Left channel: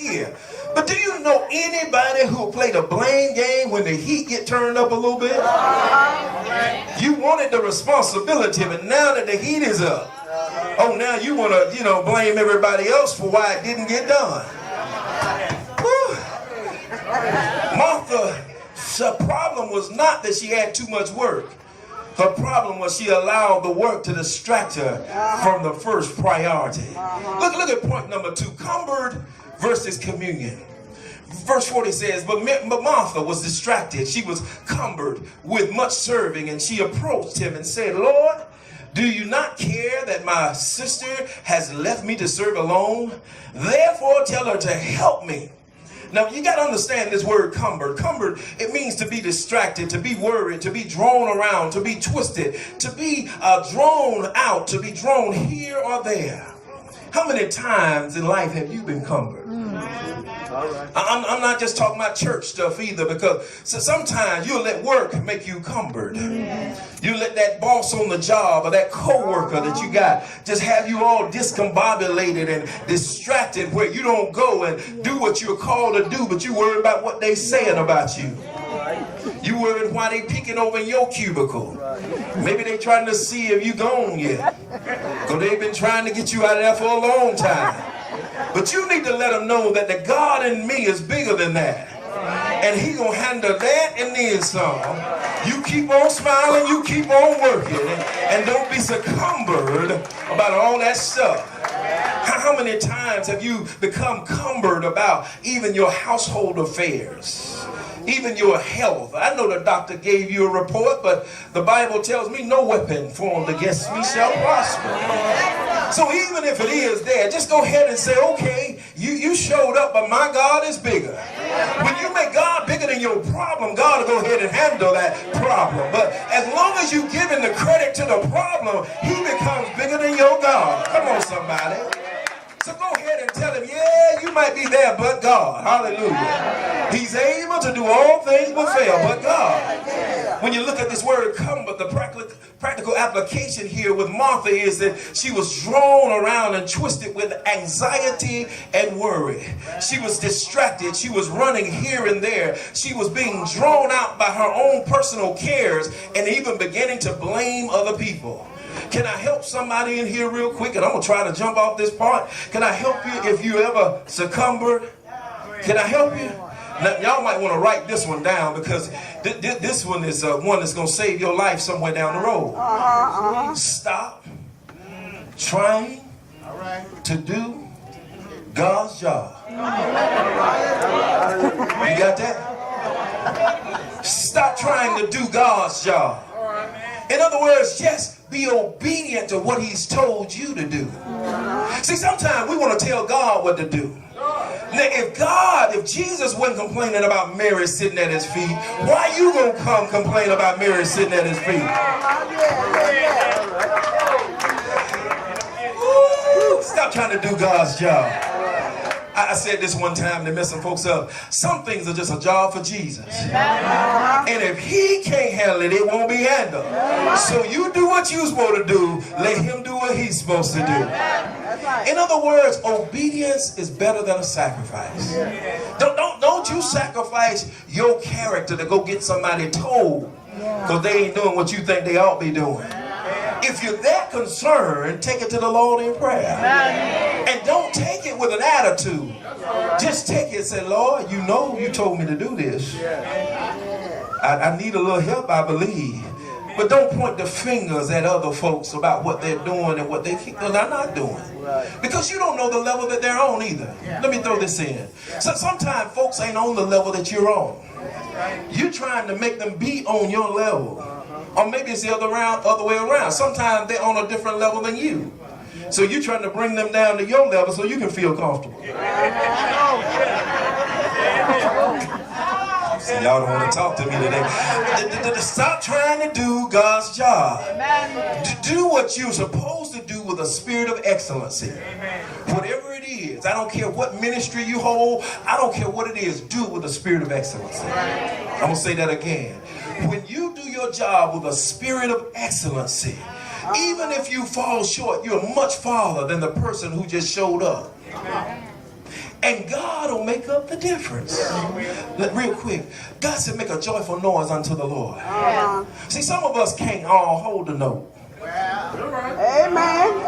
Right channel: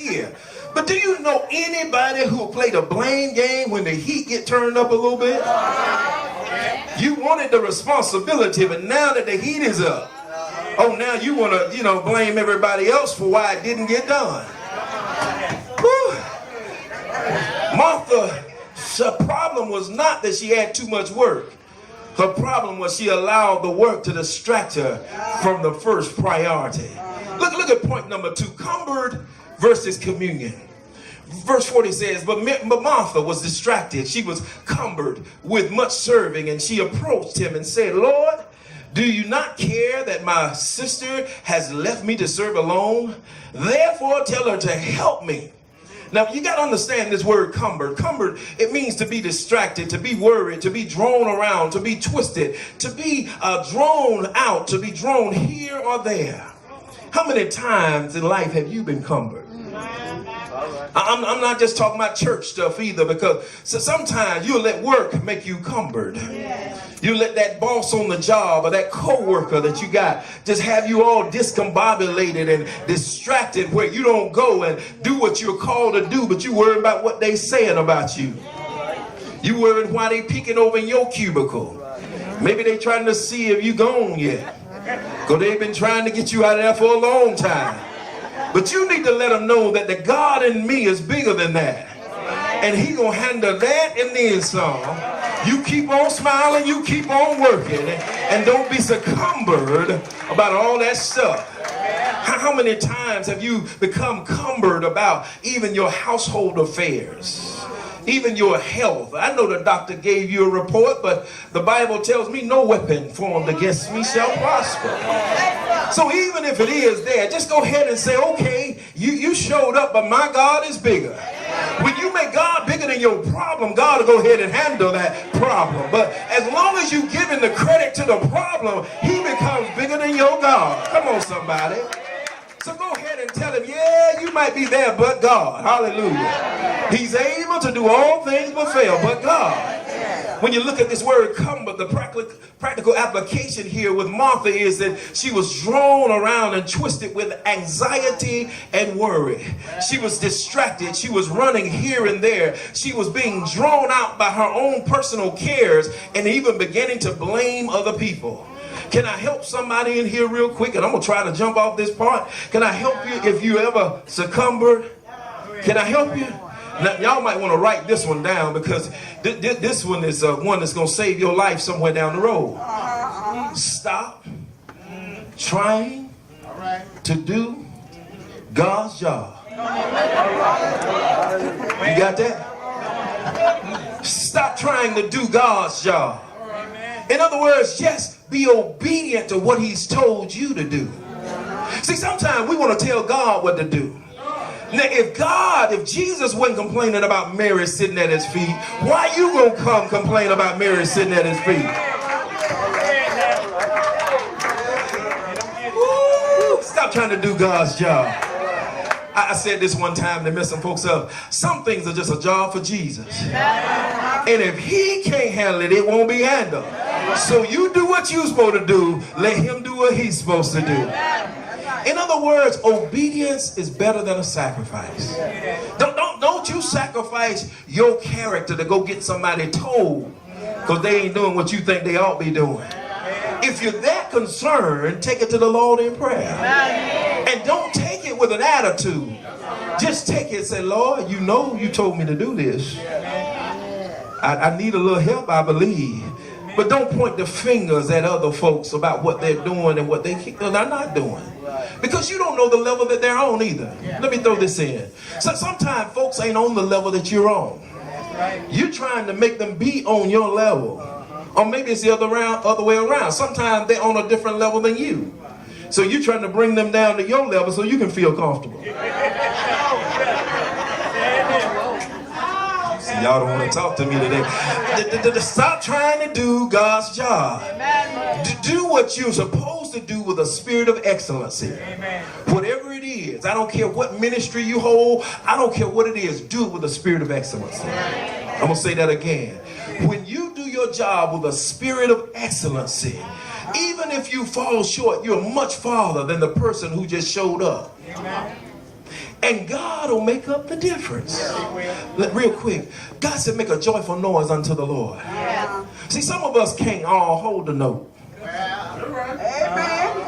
here. But do you know anybody who played a blame game when the heat get turned up a little bit? You wanted the responsibility, but now that the heat is up, oh, now you want to, blame everybody else for why it didn't get done. Whew. Martha's problem was not that she had too much work. Her problem was she allowed the work to distract her from the first priority. Look at point number 2, cumbered versus communion. Verse 40 says, but Martha was distracted. She was cumbered with much serving, and she approached him and said, Lord, do you not care that my sister has left me to serve alone? Therefore, tell her to help me. Now, you got to understand this word cumbered. Cumbered, it means to be distracted, to be worried, to be drawn around, to be twisted, to be drawn out, to be drawn here or there. How many times in life have you been cumbered? I'm not just talking about church stuff either, because sometimes you'll let work make you cumbered. You let that boss on the job or that co-worker that you got just have you all discombobulated and distracted where you don't go and do what you're called to do, but you worry about what they saying about you. You worried why they peeking over in your cubicle. Maybe they trying to see if you gone yet, because they've been trying to get you out of there for a long time. But you need to let them know that the God in me is bigger than that. And he gonna handle that and then some. You keep on smiling, you keep on working, and don't be so cumbered about all that stuff. How many times have you become cumbered about even your household affairs? Even your health. I know the doctor gave you a report, but the Bible tells me no weapon formed against me shall prosper. So even if it is there, just go ahead and say, okay, you showed up, but my God is bigger. When you make God bigger than your problem, God will go ahead and handle that problem. But as long as you give him the credit to the problem, he becomes bigger than your God. Come on, somebody. So go ahead and tell him, yeah, you might be there, but God. Hallelujah. He's able to do all things but fail, but God. When you look at this word cumber, the practical application here with Martha is that she was drawn around and twisted with anxiety and worry. She was distracted. She was running here and there. She was being drawn out by her own personal cares and even beginning to blame other people. Can I help somebody in here real quick? And I'm going to try to jump off this part. Can I help you if you ever succumbed? Can I help you? Now, y'all might want to write this one down, because this one is one that's going to save your life somewhere down the road. Stop trying to do God's job. You got that? Stop trying to do God's job. In other words, just be obedient to what he's told you to do. See, sometimes we want to tell God what to do. Now, if Jesus wasn't complaining about Mary sitting at his feet, why you gonna come complain about Mary sitting at his feet? Woo, stop trying to do God's job. I said this one time to mess some folks up. Some things are just a job for Jesus. And if he can't handle it, it won't be handled. So you do what you're supposed to do. Let him do what he's supposed to do. In other words, obedience is better than a sacrifice. Don't you sacrifice your character to go get somebody told, because they ain't doing what you think they ought to be doing. If you're that concerned, take it to the Lord in prayer. And don't take it with an attitude. Just take it and say, Lord, you know you told me to do this. I need a little help, I believe. But don't point the fingers at other folks about what they're doing and what they're not doing. Because you don't know the level that they're on either. Let me throw this in. So sometimes folks ain't on the level that you're on. You're trying to make them be on your level. Or maybe it's the other way around. Sometimes they're on a different level than you. So you're trying to bring them down to your level so you can feel comfortable. See, y'all don't want to talk to me today. Stop trying to do God's job. Do what you're supposed to do with a spirit of excellency. Whatever it is, I don't care what ministry you hold, I don't care what it is, do it with a spirit of excellency. I'm going to say that again. When you do your job with a spirit of excellency, even if you fall short, you're much farther than the person who just showed up. And God will make up the difference. Real quick, God said make a joyful noise unto the Lord. See, some of us can't all hold the note.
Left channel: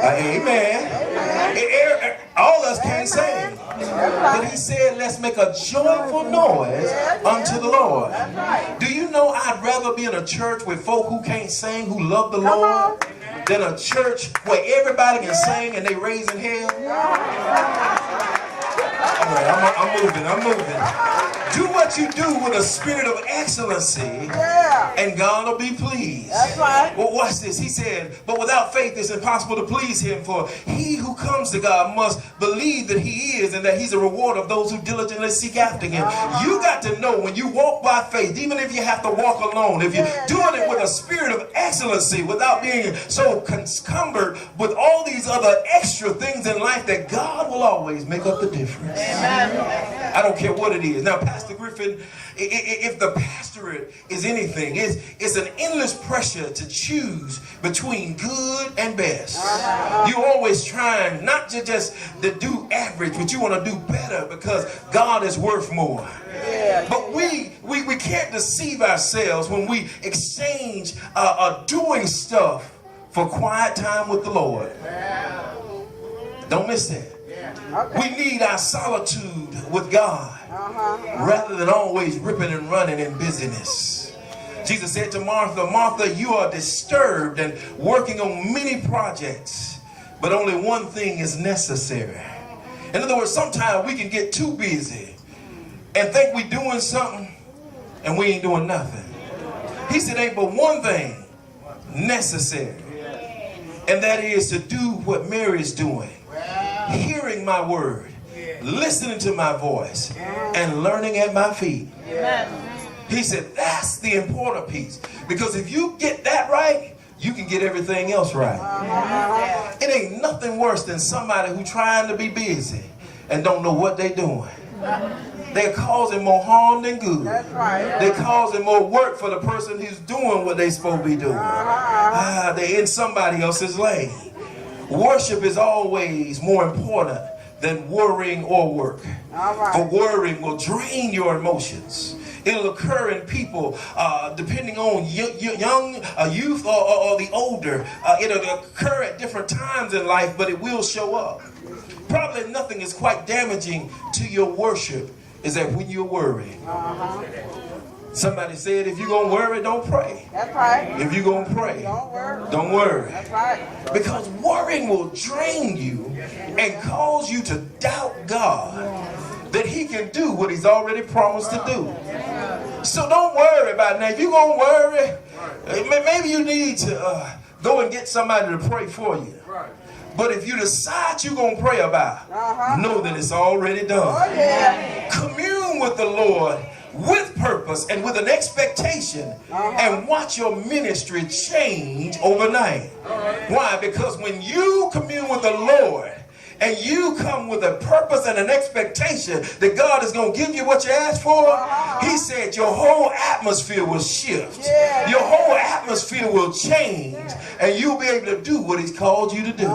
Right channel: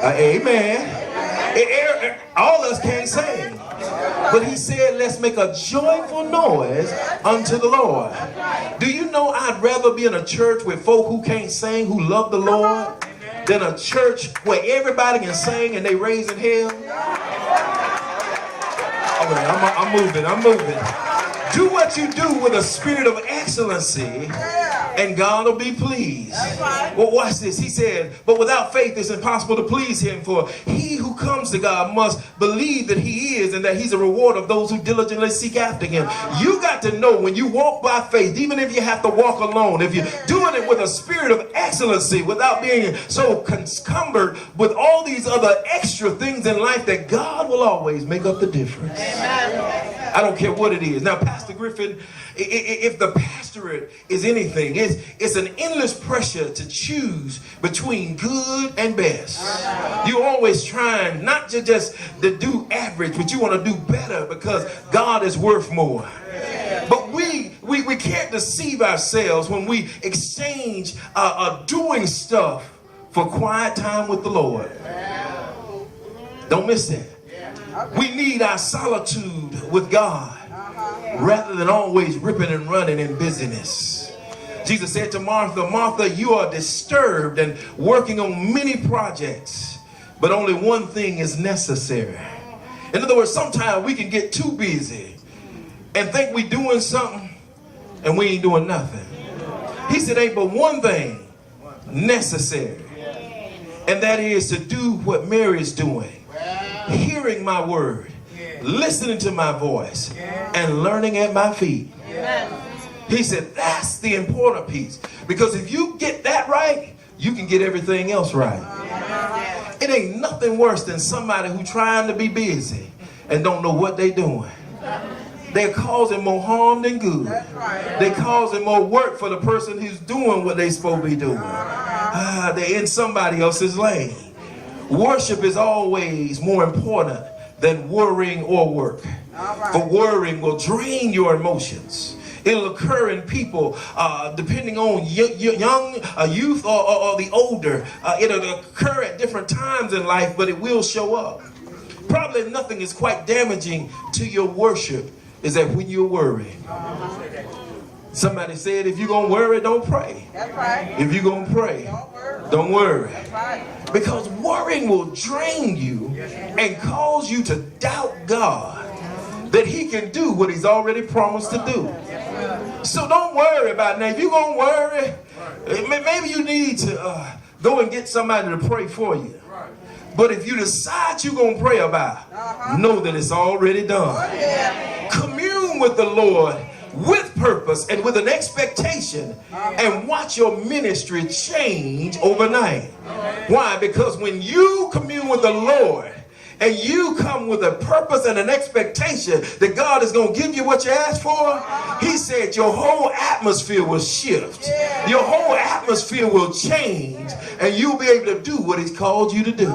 Amen. All of us can't sing. But he said, let's make a joyful noise unto the Lord. Do you know I'd rather be in a church with folk who can't sing, who love the Lord, than a church where everybody can sing and they raising hell? Okay, I'm moving. Do what you do with a spirit of excellency, and God will be pleased. Well, watch this. He said, but without faith it's impossible to please him, for he who comes to God must believe that he is, and that he's a reward of those who diligently seek after him. You got to know when you walk by faith, even if you have to walk alone, if you're doing it with a spirit of excellency, without being so encumbered with all these other extra things in life, that God will always make up the difference. Amen. I don't care what it is. Now, Pastor Griffin, if the pastorate is anything, it's an endless pressure to choose between good and best. You're always trying not to just to do average, but you want to do better because God is worth more. But we can't deceive ourselves when we exchange doing stuff for quiet time with the Lord. Don't miss that. We need our solitude with God rather than always ripping and running in busyness. Jesus said to Martha, Martha, you are disturbed and working on many projects, but only one thing is necessary. In other words, sometimes we can get too busy and think we're doing something and we ain't doing nothing. He said, ain't but one thing necessary, and that is to do what Mary is doing. Hearing my word, listening to my voice, and learning at my feet. He said that's the important piece, because if you get that right, you can get everything else right. It ain't nothing worse than somebody who trying to be busy and don't know what they doing. They're causing more harm than good. They're causing more work for the person who's doing what they're supposed to be doing. They're in somebody else's lane. Worship is always more important than worrying or work. For worrying will drain your emotions. It'll occur in people depending on youth or the older. It'll occur at different times in life, but it will show up. Probably nothing is quite damaging to your worship is that when you're worrying. Somebody said, if you're going to worry, don't pray. That's right. If you're going to pray, don't worry. That's right. Because worrying will drain you and cause you to doubt God that he can do what he's already promised to do. So don't worry about it. Now, if you're going to worry, maybe you need to go and get somebody to pray for you. But if you decide you're going to pray about it, know that it's already done. Commune with the Lord with purpose and with an expectation, and watch your ministry change overnight. Why? Because when you commune with the Lord and you come with a purpose and an expectation that God is going to give you what you asked for, he said your whole atmosphere will shift. Your whole atmosphere will change, and you'll be able to do what he's called you to do.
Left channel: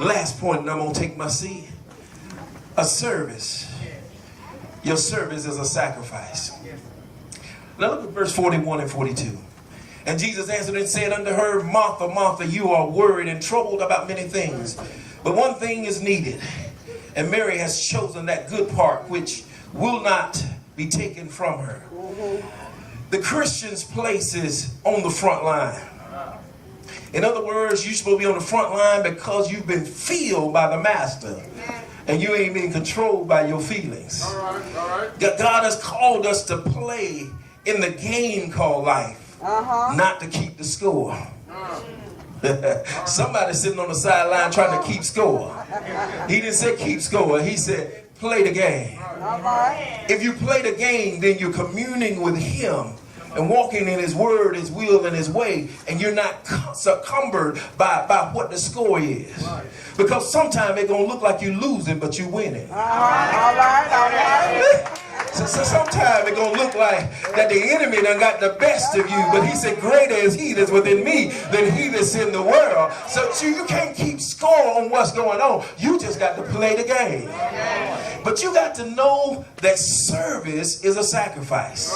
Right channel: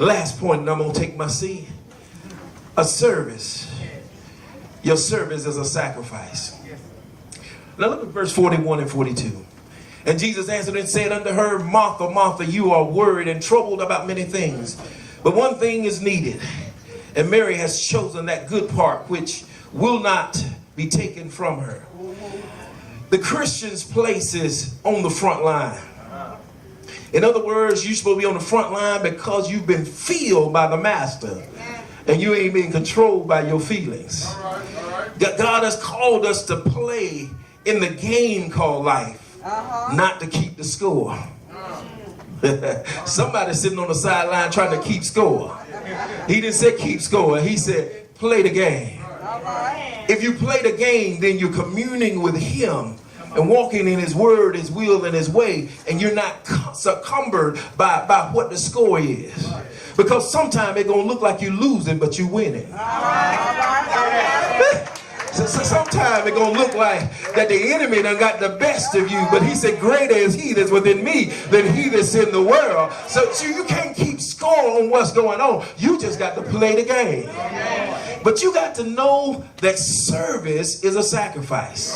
Last point, and I'm going to take my seat. A service. Your service is a sacrifice. Now look at verse 41 and 42. And Jesus answered and said unto her, Martha, Martha, you are worried and troubled about many things, but one thing is needed. And Mary has chosen that good part which will not be taken from her. The Christian's place is on the front line. In other words, you're supposed to be on the front line because you've been filled by the Master. And you ain't being controlled by your feelings. God has called us to play in the game called life, not to keep the score. Somebody sitting on the sideline trying to keep score. He didn't say keep score. He said play the game. If you play the game, then you're communing with him and walking in his word, his will, and his way, and you're not succumbed by what the score is. Because sometimes it's going to look like you're losing, but you're winning. So sometimes it's going to look like that the enemy done got the best of you. But he said, greater is he that's within me than he that's in the world. So you can't keep score on what's going on. You just got to play the game. But you got to know that service is a sacrifice.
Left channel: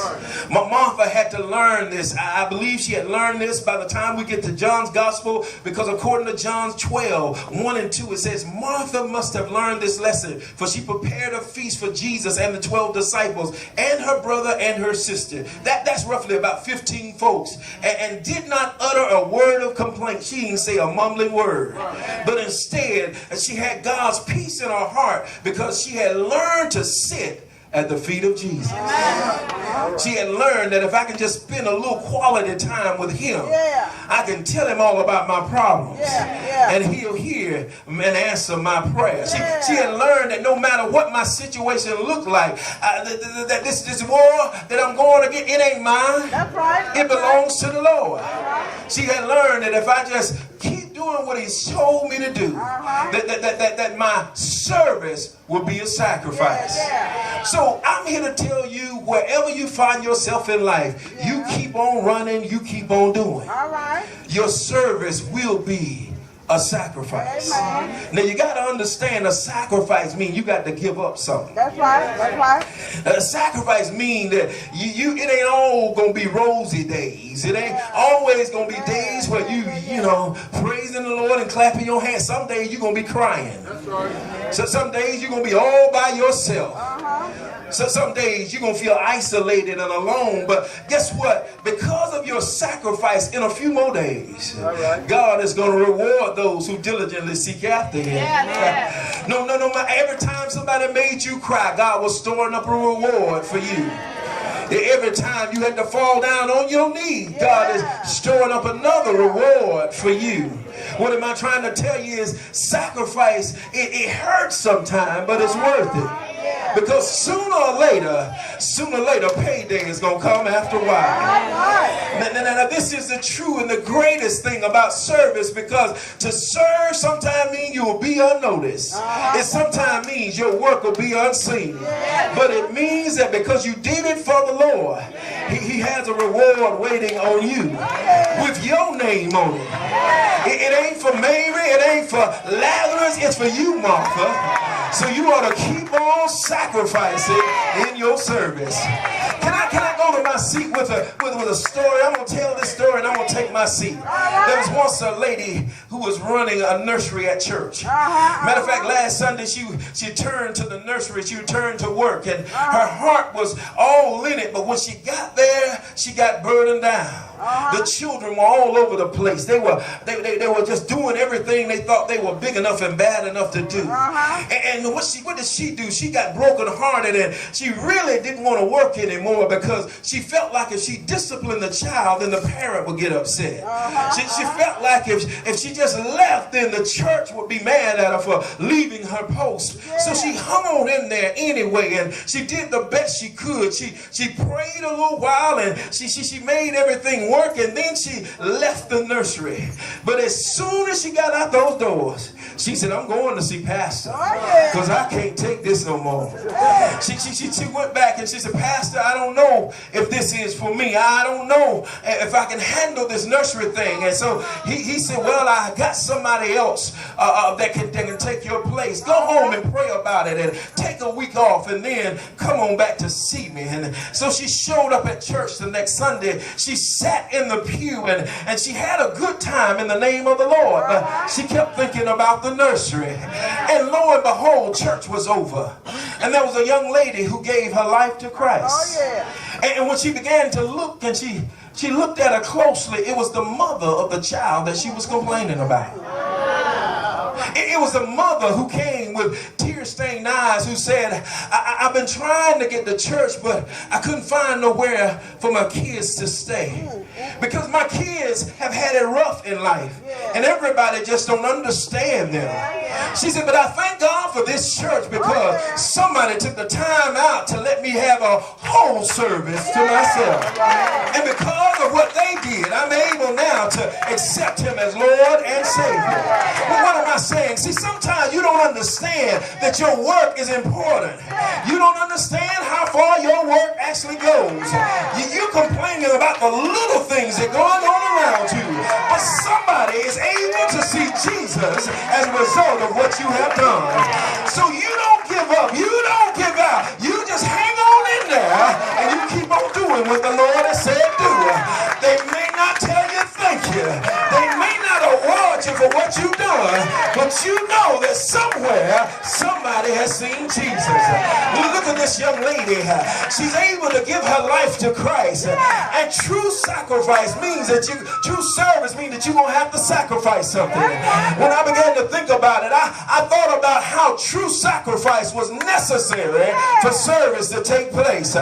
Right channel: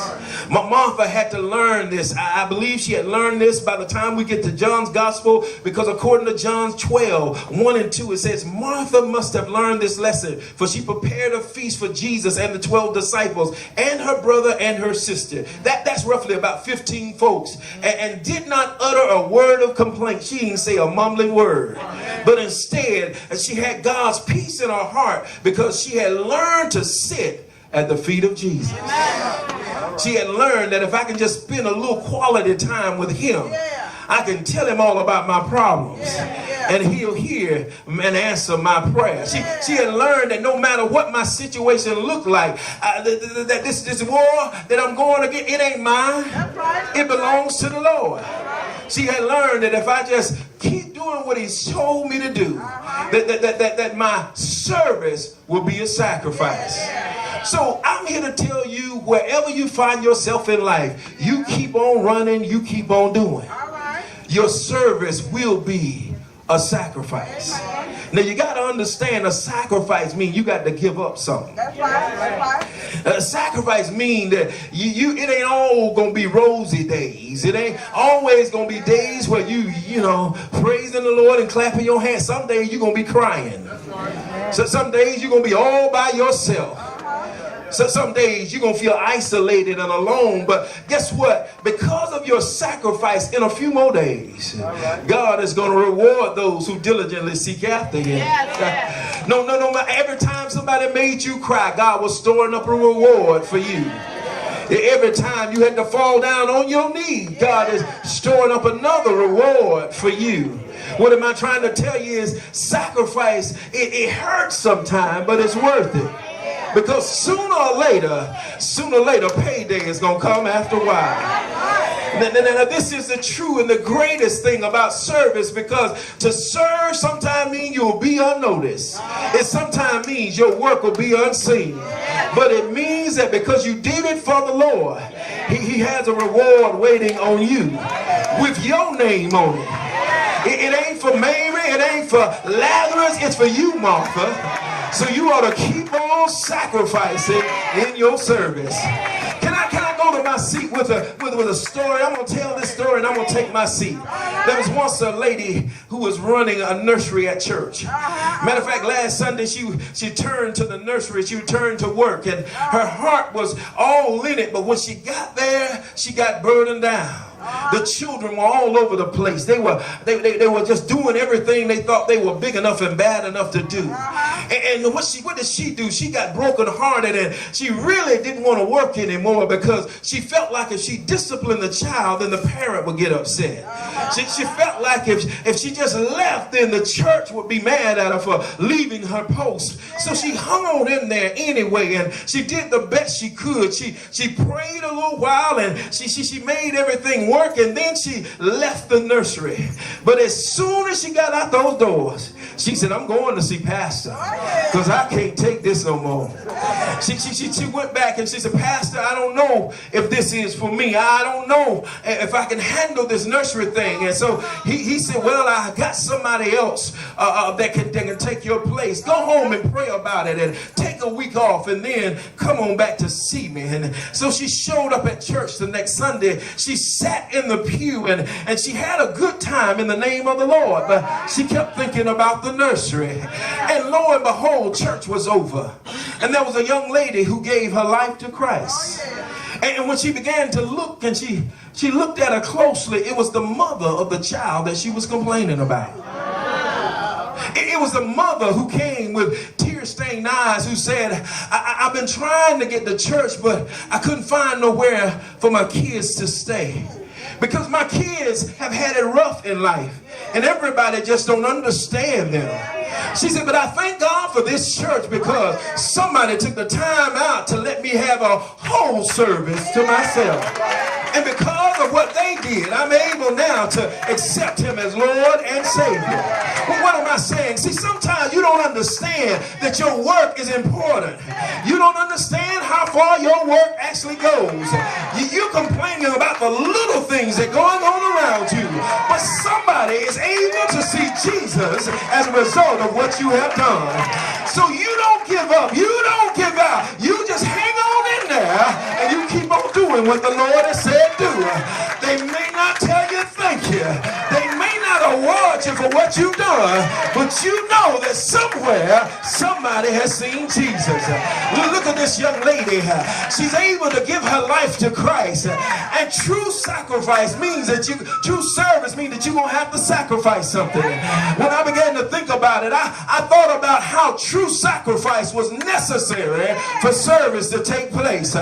My Martha had to learn this. I believe she had learned this by the time we get to John's gospel, because according to John 12:1-2, it says, Martha must have learned this lesson, for she prepared a feast for Jesus and the 12 disciples and her brother and her sister. That's roughly about 15 folks, and did not utter a word of complaint. She didn't say a mumbling word, but instead she had God's peace in her heart because she had learned to sit at the feet of Jesus. She had learned that if I can just spend a little quality time with him, I can tell him all about my problems, and he'll hear and answer my prayers. She had learned that no matter what my situation looked like, that this war that I'm going to get, it ain't mine. It belongs to the Lord. She had learned that if I just keep doing what he's told me to do, that my service will be a sacrifice. So I'm here to tell you, wherever you find yourself in life, you keep on running, you keep on doing. Your service will be a sacrifice. Now you got to understand, a sacrifice means you got to give up something. That's right. A sacrifice means that it ain't all gonna be rosy days. It ain't always gonna be days where you know, praising the Lord and clapping your hands. Some days you're gonna be crying. So some days you're gonna be all by yourself. So some days you're going to feel isolated and alone. But guess what? Because of your sacrifice, in a few more days, God is going to reward those who diligently seek after him. No. Every time somebody made you cry, God was storing up a reward for you. Every time you had to fall down on your knees, God is storing up another reward for you. What am I trying to tell you is sacrifice, it hurts sometimes, but it's worth it. Because sooner or later, payday is going to come after a while. Now, this is the true and the greatest thing about service, because to serve sometimes means you will be unnoticed. It sometimes means your work will be unseen. But it means that because you did it for the Lord, he has a reward waiting on you with your name on it. It ain't for Mary, it ain't for Lazarus, it's for you, Martha. So you ought to keep on sacrificing in your service. Can I go to my seat with a story? I'm going to tell this story and I'm going to take my seat. There was once a lady who was running a nursery at church. Matter of fact, last Sunday she turned to the nursery. She returned to work and her heart was all in it. But when she got there, she got burdened down. The children were all over the place. They were just doing everything they thought they were big enough and bad enough to do. And what did she do? She got brokenhearted and she really didn't want to work anymore because she felt like if she disciplined the child, then the parent would get upset. She felt like if she just left, then the church would be mad at her for leaving her post. So she hung on in there anyway, and she did the best she could. She prayed a little while and she made everything work, and then she left the nursery. But as soon as she got out those doors, she said, I'm going to see Pastor because I can't take this no more. She went back and she said, Pastor, I don't know if this is for me. I don't know if I can handle this nursery thing. And so he said, well, I got somebody else that can take your place. Go home and pray about it and take a week off and then come on back to see me. And so she showed up at church the next Sunday. She sat in the pew and she had a good time in the name of the Lord, but she kept thinking about the nursery. And lo and behold, church was over and there was a young lady who gave her life to Christ. And when she began to look and she looked at her closely, it was the mother of the child that she was complaining about. It was the mother who came with tear-stained eyes who said, I've been trying to get to church, but I couldn't find nowhere for my kids to stay. Because my kids have had it rough in life. And everybody just don't understand them. She said, but I thank God for this church because somebody took the time out to let me have a whole service to myself. And because of of what they did, I'm able now to accept him as Lord and Savior. Well, what am I saying? See, sometimes you don't understand that your work is important. You don't understand how far your work actually goes. You're complaining about the little things that are going on around you, but somebody is able to see Jesus as a result of what you have done. So you don't give up. You don't give out. You just hang on in there and you keep on doing what the Lord has said do. They may not tell you thank you. They may not award you for what you've done, but you know that somewhere somebody has seen Jesus. Look at this young lady. She's able to give her life to Christ. And true sacrifice means that true service means that you're going to have to sacrifice something. When I began to think about it, I thought about how true sacrifice was necessary for service to take place. So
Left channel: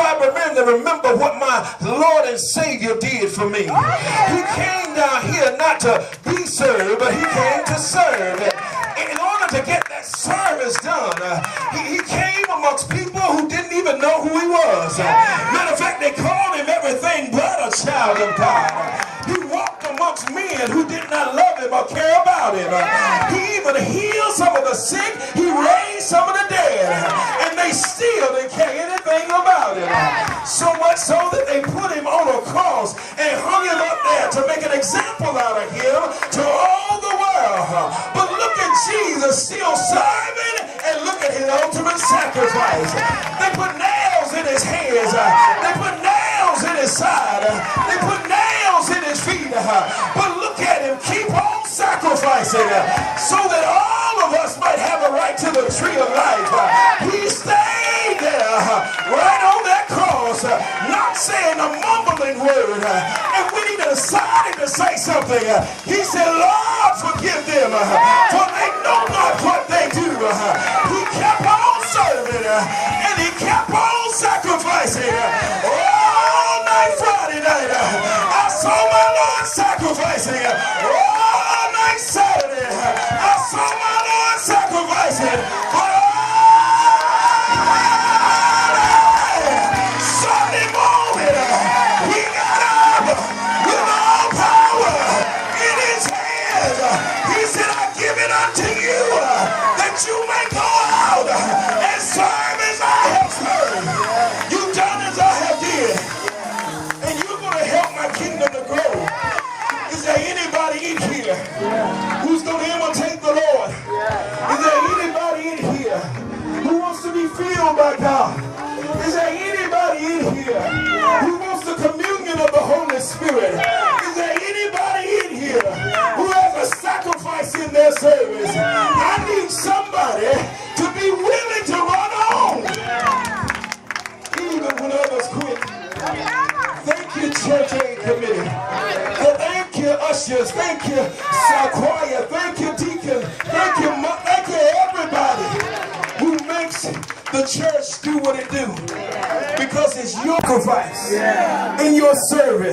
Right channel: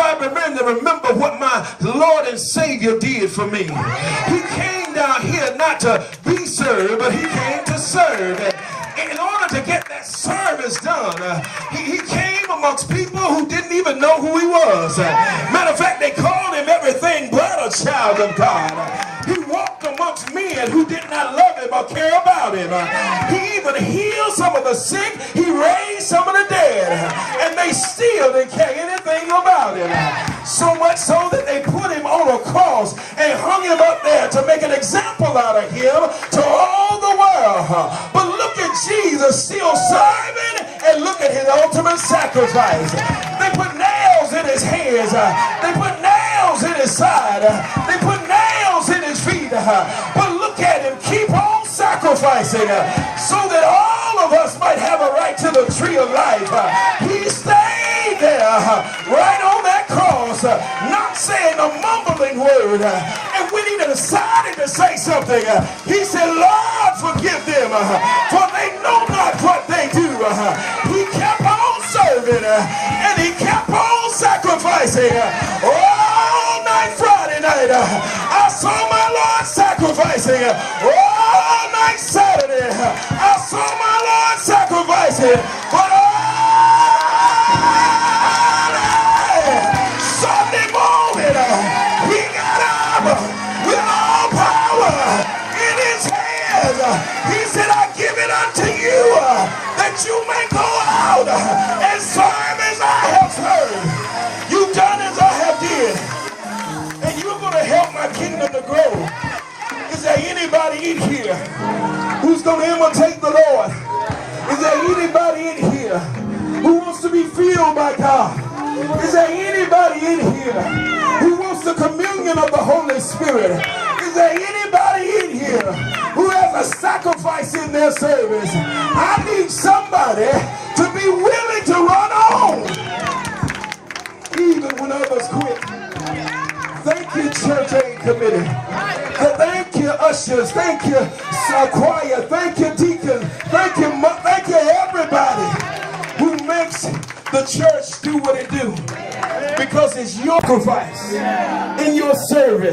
I remember what my Lord and Savior did for me. He came down here not to be served, but he came to serve. And in order to get that service done, he came amongst people who didn't even know who he was. Matter of fact, they called him everything but a child of God. He walked amongst men who did not love him or care about him. He even healed some of the sick. He raised some of the dead. And they still didn't care anything about him. So much so that they put him on a cross and hung him up there to make an example out of him to all the world. But look at Jesus still serving, and look at his ultimate sacrifice. They put nails in his hands. They put nails in his side. They put nails in his feet. But look at him, keep on sacrificing so that all of us might have a right to the tree of life. He stayed there right on that cross, not saying a mumbling word. And when he decided to say something, he said, Lord, forgive them, for they know not what they do. He kept on serving, and he kept on sacrificing. All night Friday night, I saw my Lord sacrificing. All night Saturday, I saw my Lord sacrificing. But Sunday morning, he got up with all power in his hands. He said, I give it unto you, that you may go out and serve as I have served. You've done as I have did. And you're going to help my kingdom to grow. Is there anybody in here who's going to imitate the Lord? Is there anybody in here who wants to be filled by God? Is there anybody in here who wants the communion of the Holy Spirit? Is there anybody in here who has a sacrifice in their service? I need somebody to be willing to run on even when others quit. Thank you, Church Aid Committee. Thank you, ushers. Thank you, choir. Thank you, deacon. Thank you, everybody who makes the church do what it do. Because it's your sacrifice in your service.